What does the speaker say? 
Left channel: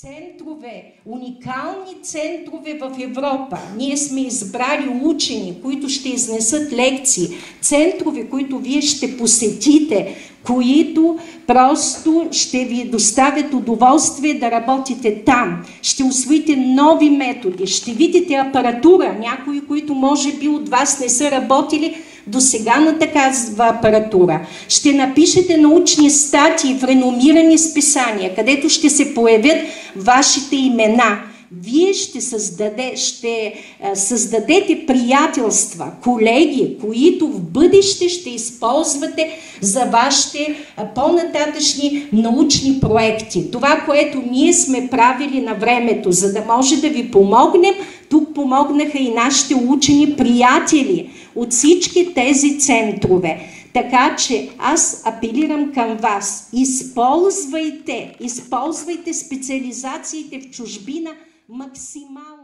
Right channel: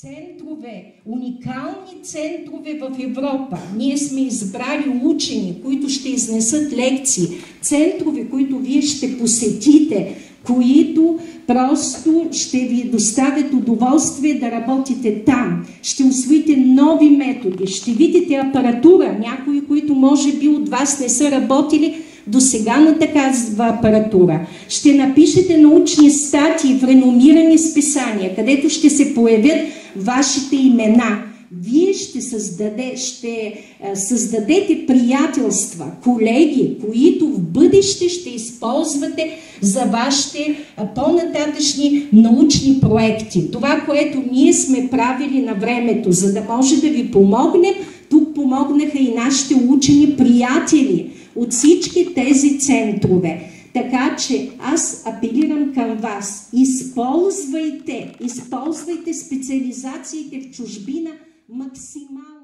центрове, уникални центрове в Европа. Ние сме избрали учени, които ще изнесат лекции, центрове, които вие ще посетите, които просто ще ви доставят удоволствие да работите там. Ще усвоите нови методи, ще видите апаратура, някои, които може би от вас не са работили до сега на такава апаратура. Ще напишете научни статии в реномирани списания, където ще се появят вашите имена. Вие ще създадете приятелства, колеги, които в бъдеще ще използвате за вашите по-нататъчни научни проекти. Това, което ние сме правили на времето, за да може да ви помогнем, тук помогнаха и нашите учени приятели от всички тези центрове. Така че аз апелирам към вас, използвайте специализациите в чужбина максимално.